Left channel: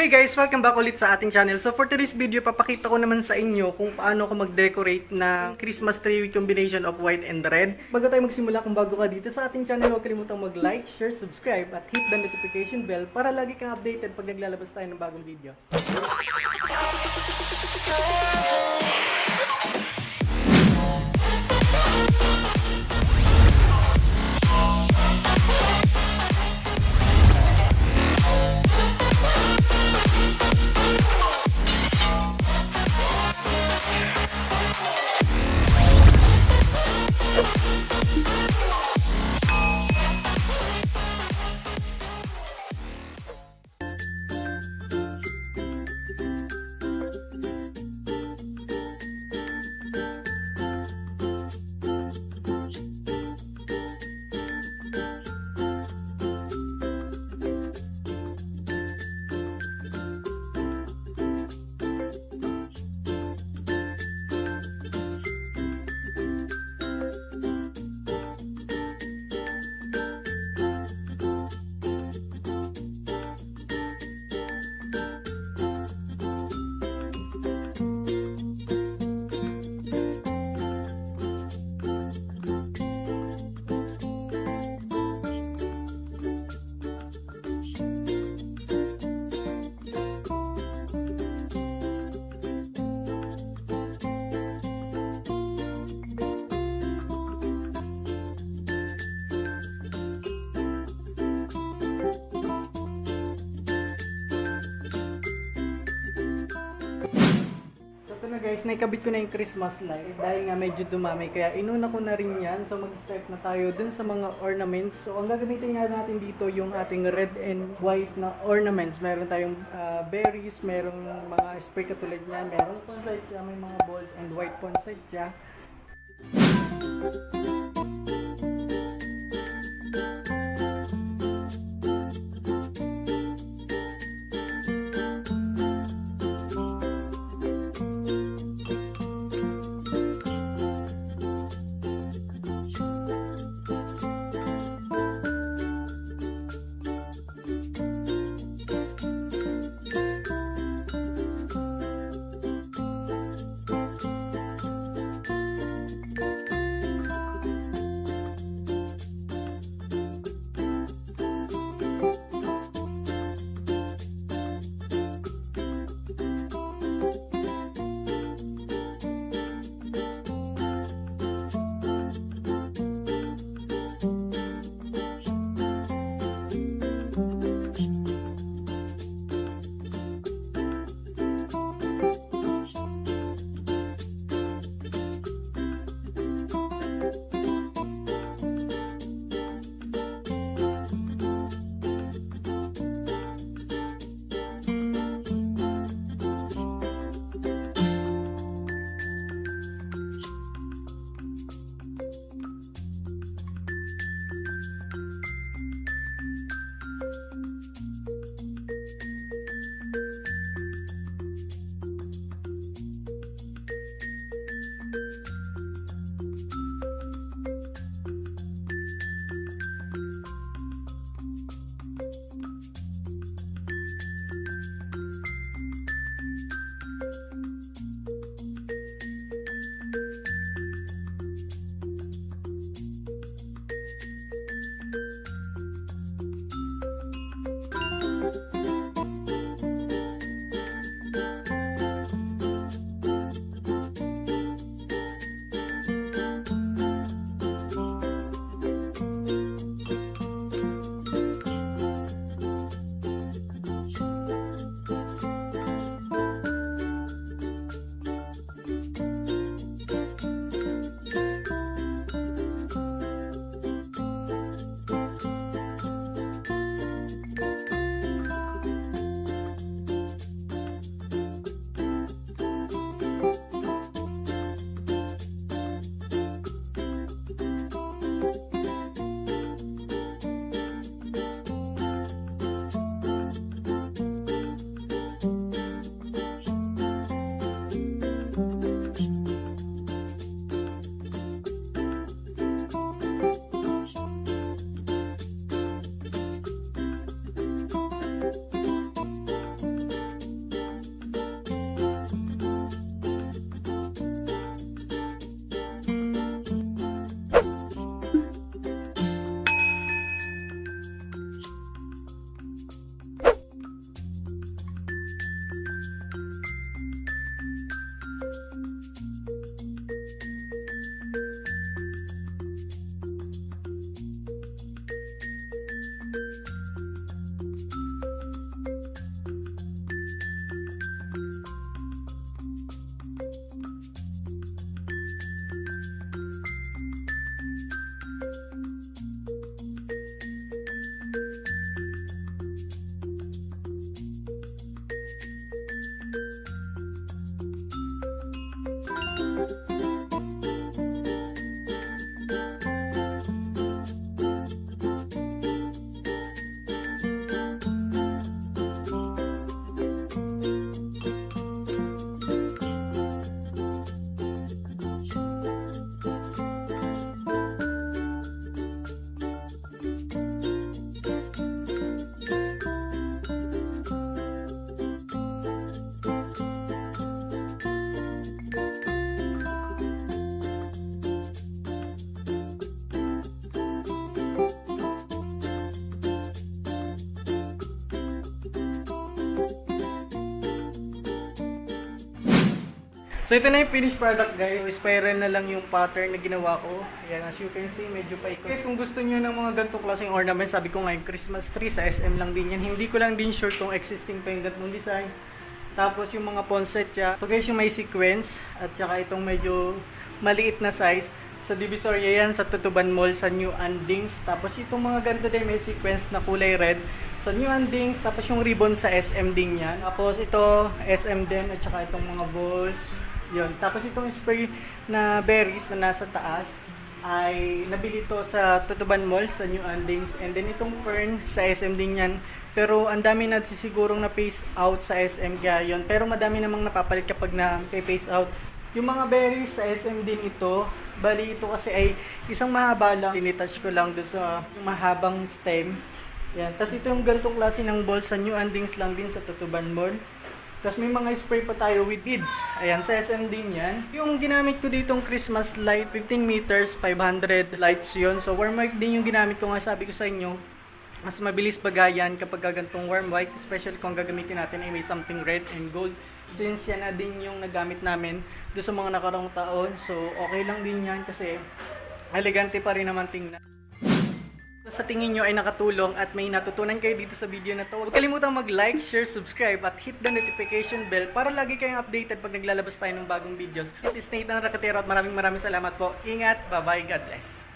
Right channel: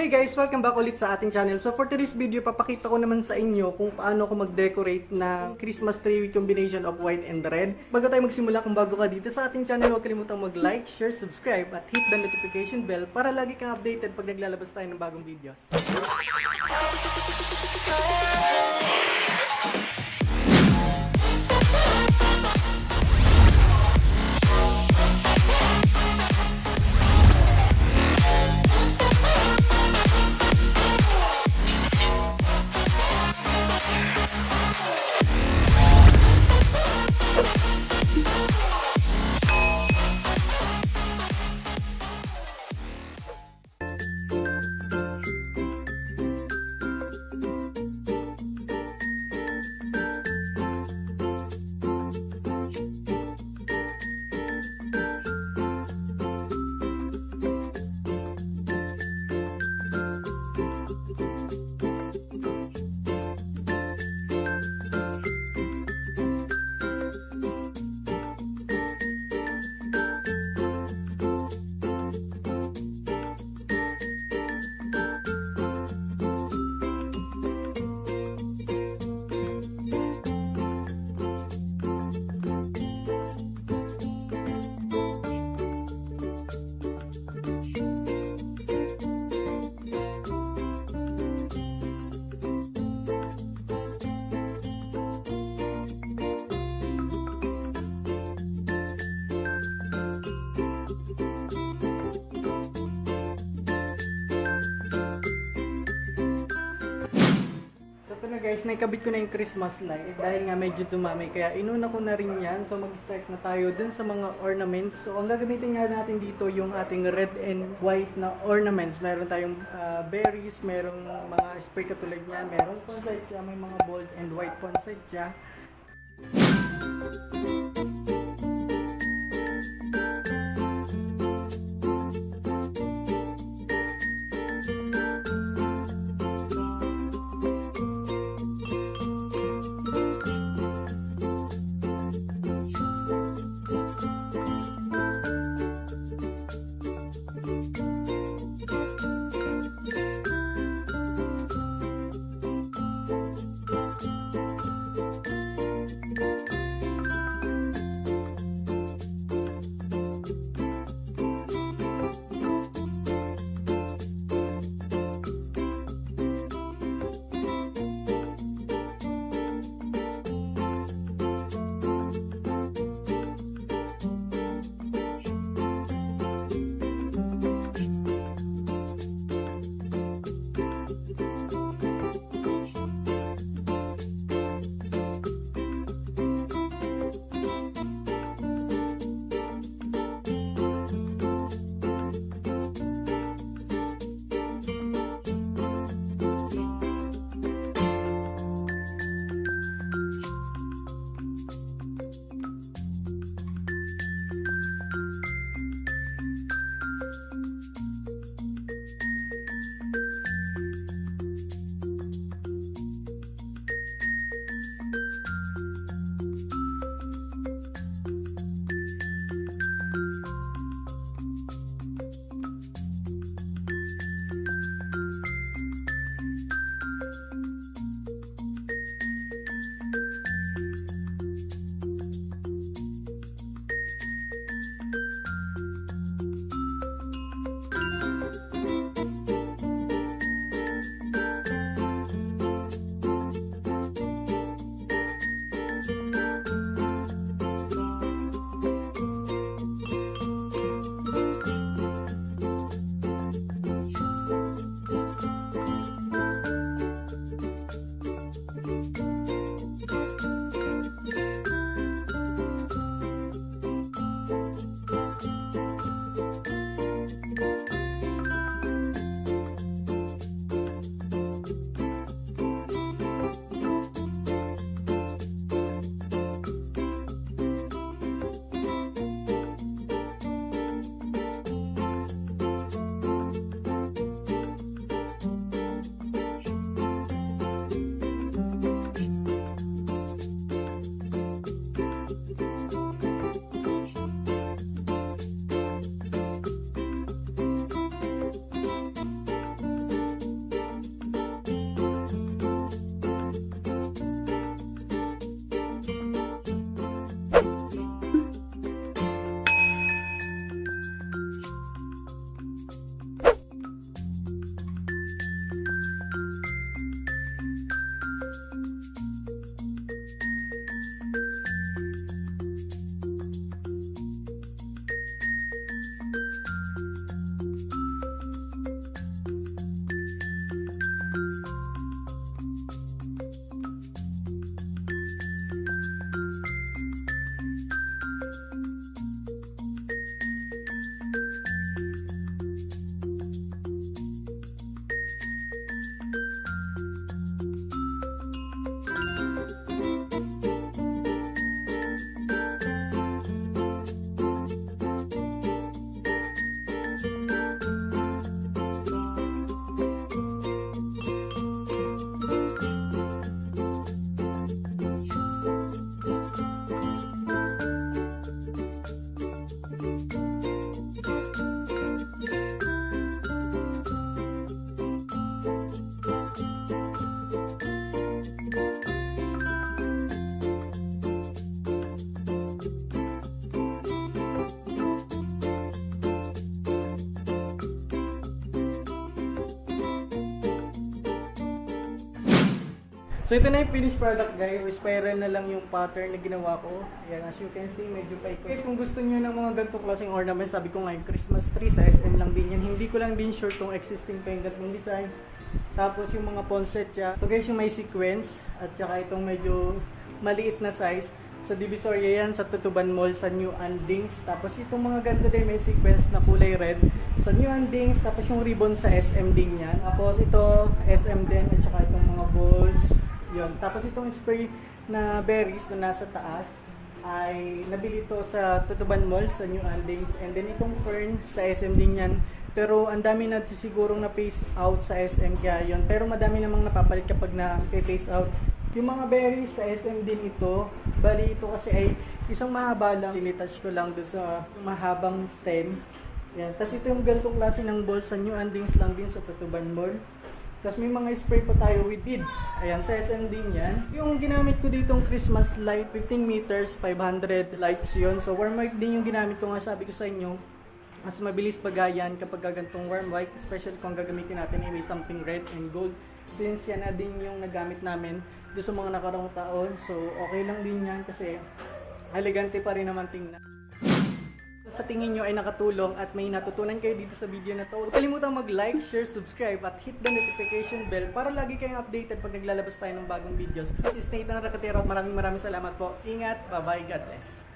Hey guys! Welcome back ulit sa ating channel. So for today's video, papakita ko naman sa inyo kung paano ako mag-decorate ng Christmas tree with combination of white and red. Bago tayo magsimula, kung bago ka dito sa ating channel, huwag kalimutang mag-like, share, subscribe at hit the notification bell para lagi kang updated pag naglalabas tayo ng bagong videos. Ito na guys, naikabit ko na yung Christmas light dahil nga medyo dumami kaya inuna ko na rin yan. So mag-start na tayo dun sa mga ornaments. So ang gagamitin nga natin dito yung ating red and white na ornaments. Meron tayong berries, merong mga spray katulad niyan, merong poinsettia, may mga balls and white poinsettia. So ito na yung finished product guys. So, spiral na lang yung pattern na ginawa ko. Ayan, as you can see, medyo paikot. Guys, kung gusto niyo ng mga ganitong klaseng ornaments, sabi ko nga yung Christmas tree sa SM lang din yan. Hindi ko lang din sure kung existing pa yung ganitong design. Tapos yung mga poinsettia. Ito guys yung may sequence at saka itong medyo maliit na size. Sa Divisoria yan, sa Tutuban Mall, sa New Andings. Tapos itong mga ganito din may sequence na kulay red sa New Andings. Tapos yung ribbon sa SM din yan. Tapos ito, SM din at saka itong mga balls. Yun. Tapos itong spray na berries na nasa taas ay nabili to sa Tutuban Mall sa New Andings. And then itong fern sa SM din yan. Pero ang dami na sigurong na phase out sa SM kaya yun. Pero madami namang napapalit kapag na phase out. Yung mga berries sa SM din ito. Bali ito kasi ay isang mahaba lang. Tinitouch ko lang doon sa mahabang stem. Yan. Tapos ito yung ganitong klase ng ball sa New Andings lang din sa Tutuban Mall. Tapos may mga spray pa tayo with beads. Ayan, sa SM din yan. Yung ginamit ko ditong Christmas light, 15 meters, 500 lights yon. So warm white din yung ginamit ko nga, sabi ko sa inyo. Mas mabilis bagayan kapag gagantong warm white. Especially kung gagamitin natin ay may something red and gold. Since yan na din yung nagamit namin doon sa mga nakaraang taon. So okay lang din yan kasi elegante pa rin naman tingnan. Sa tingin nyo ay nakatulong at may natutunan kayo dito sa video na to, huwag kalimutang mag-like, share, subscribe at hit the notification bell para lagi kayong updated pag naglalabas tayo ng bagong videos. This is Nathan Rakatero at maraming salamat po. Ingat, bye-bye, God bless.